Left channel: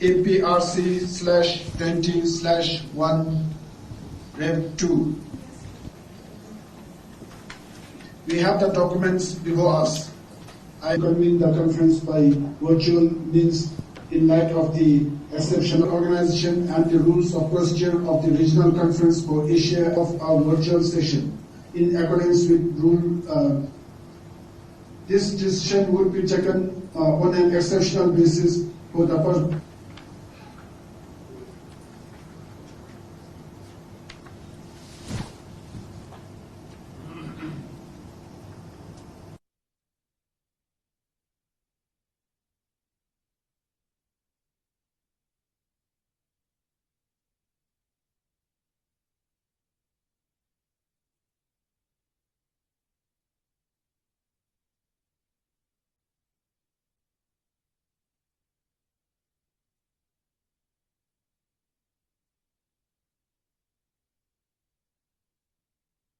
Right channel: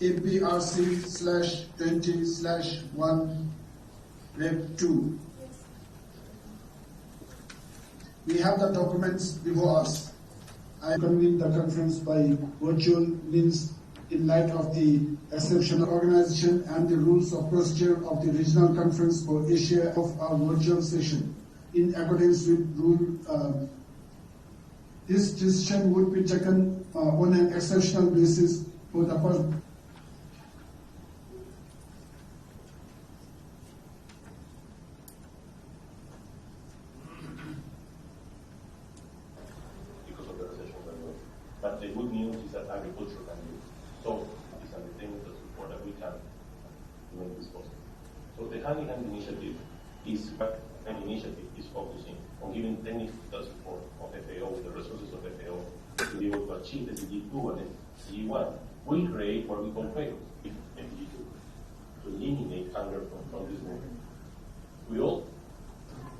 APRC/20/1 We have the documents before us. I convene the conference by virtual means in light of the exceptional organization and the rules of procedure of the Regional Conference for Asia of our virtual session. In accordance with rule, this decision would be taken on an exceptional basis for the purpose. But the good news is that agriculture can do it. So these are the things that support that we can make this possible. So the hand-in-hand initiative is focusing on giving technical support of FAO, the resources of FAO, to be able to achieve the SDG 2 and SDG 1. Will create what we call FAO, SDG 2, to eliminate hunger from this movement. We all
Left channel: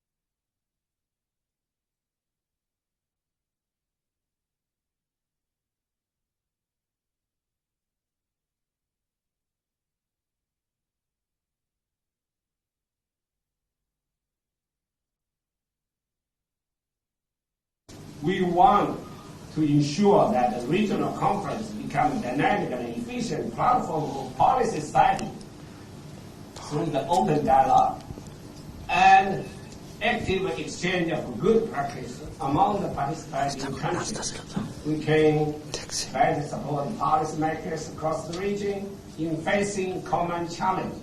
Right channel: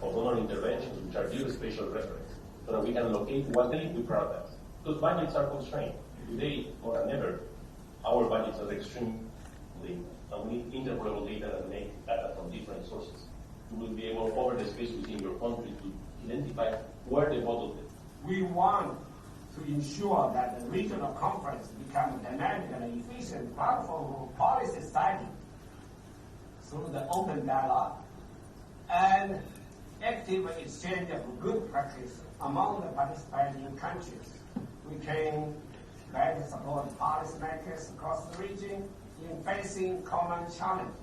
of donor interventions which are due special reference, so that we can locate what they we prioritize. Because budgets are constrained. Today, more than ever, our budgets are extremely, and we need interoperable data that make data from different sources. You will be able, over the space within your country, to identify where the bottlenecks. We want to ensure that the regional conference becomes a dynamic and efficient platform for policy study through the open dialogue and active exchange of good practice among the participating countries. We can better support policymakers across the region in facing common challenges,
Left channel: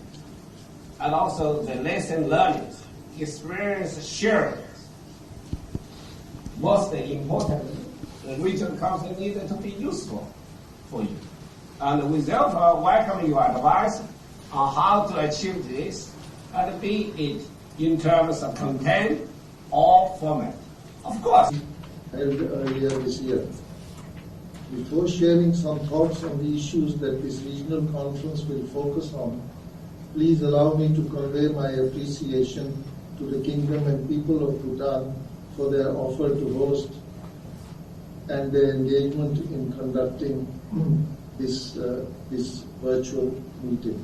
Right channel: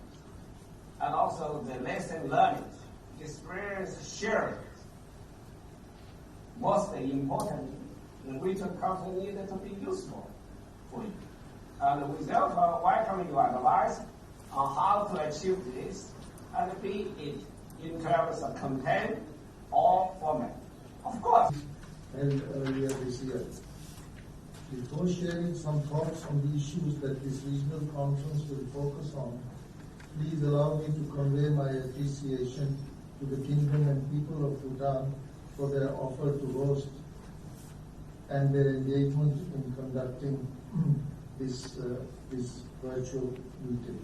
and also the lesson learned, experience shared. Most important, the regional council needs to be useful for you. And we therefore welcome your advice on how to achieve this, and be it in terms of content or format. Of course. Held earlier this year. Before sharing some thoughts on the issues that this regional conference will focus on, please allow me to convey my appreciation to the Kingdom and people of Bhutan for their offer to host and their engagement in conducting this virtual meeting.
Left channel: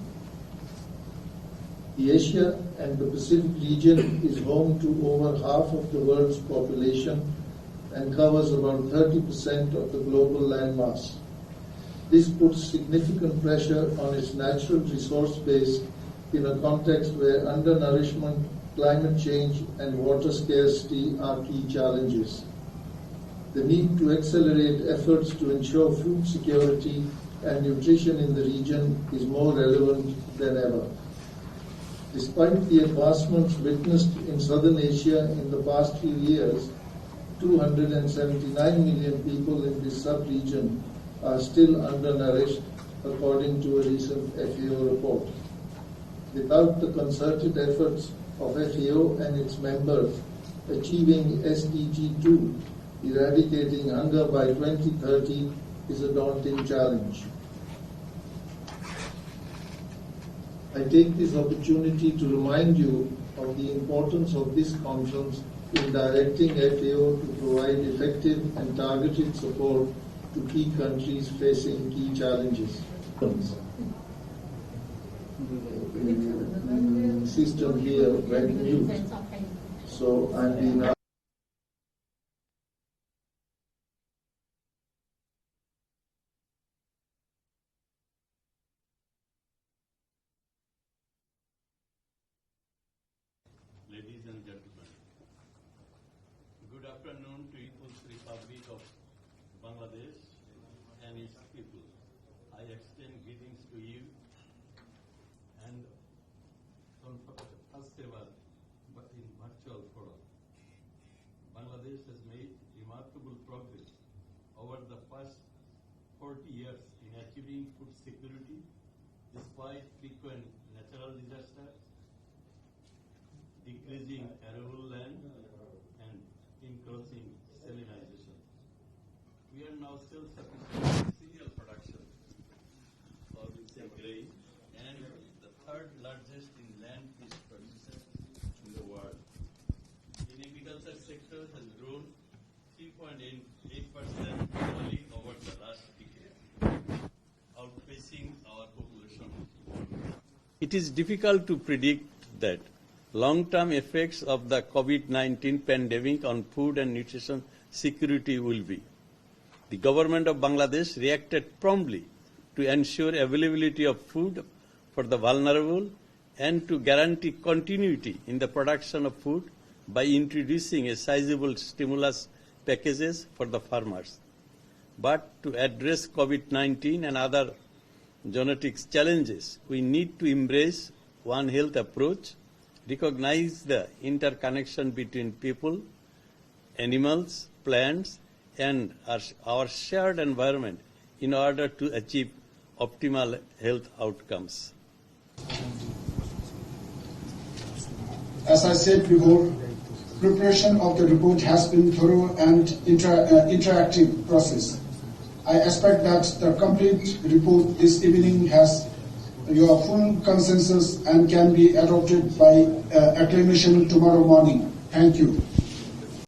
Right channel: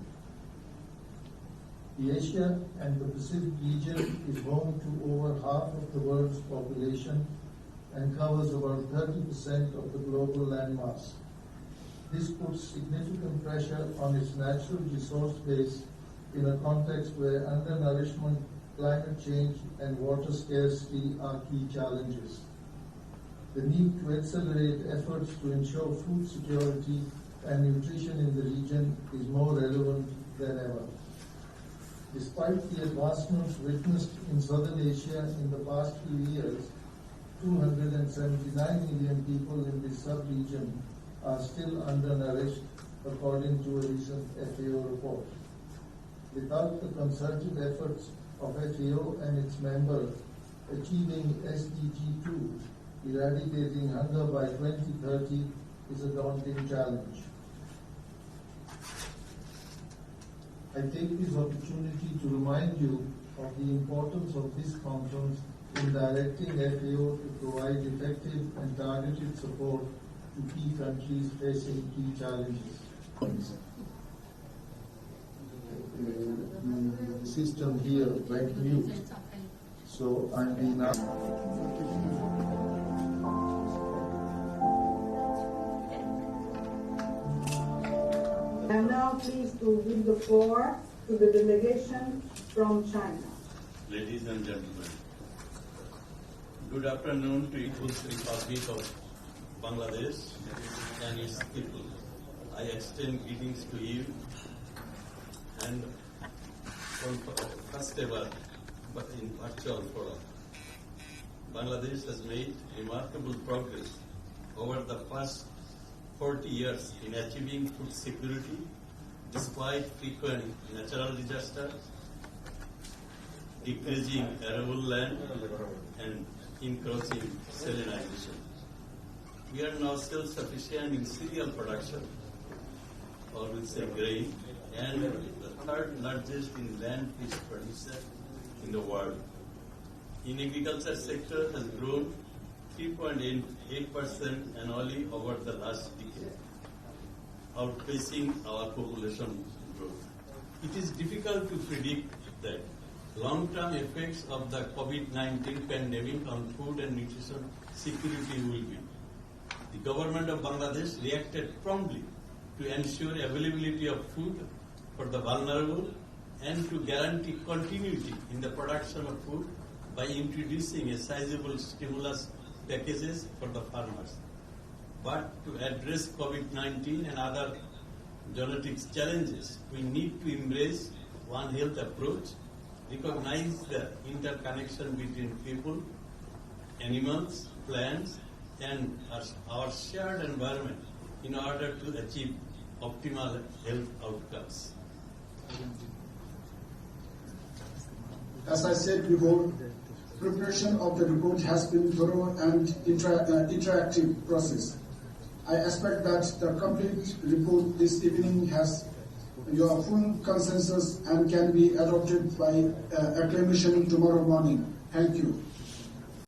The Asia and the Pacific region is home to over half of the world's population and covers about 30% of the global landmass. This puts significant pressure on its natural resource base in a context where undernourishment, climate change, and water scarcity are key challenges. The need to accelerate efforts to ensure food security and nutrition in the region is more relevant than ever. Despite the advancements witnessed in Southern Asia in the past few years, 279 million people in this sub-region are still undernourished, according to a recent FAO report. Without the concerted efforts of FAO and its members, achieving SDG 2, eradicating hunger by 2030, is a daunting challenge. I take this opportunity to remind you of the importance of this conference in directing FAO to provide effective and targeted support to key countries facing key challenges. System here went mute, so I'm being asked. I'm now pleased to give the floor to the delegation from China. Ladies and gentlemen, good afternoon to People's Republic of Bangladesh and its people. I extend greetings to you and first ever in virtual forum. Bangladesh has made remarkable progress over the past 40 years in achieving food security despite frequent natural disasters, decreasing arable land, and increasing salinization. We are now self-sufficient in cereal production, or with say grain, and the third largest in land fish producer in the world. In agriculture sector has grown 3.8% annually over the last decade. outpacing our population growth. It is difficult to predict that long-term effects of the COVID-19 pandemic on food and nutrition security will be. The government of Bangladesh reacted promptly to ensure availability of food for the vulnerable and to guarantee continuity in the production of food by introducing a sizable stimulus packages for the farmers. But to address COVID-19 and other genetics challenges, we need to embrace One Health approach, recognize the interconnection between people, animals, plants, and our shared environment in order to achieve optimal health outcomes. As I said before, preparation of the report has been thorough and interactive process. I expect that the complete report this evening has your full consensus and can be adopted by acclamation tomorrow morning. Thank you.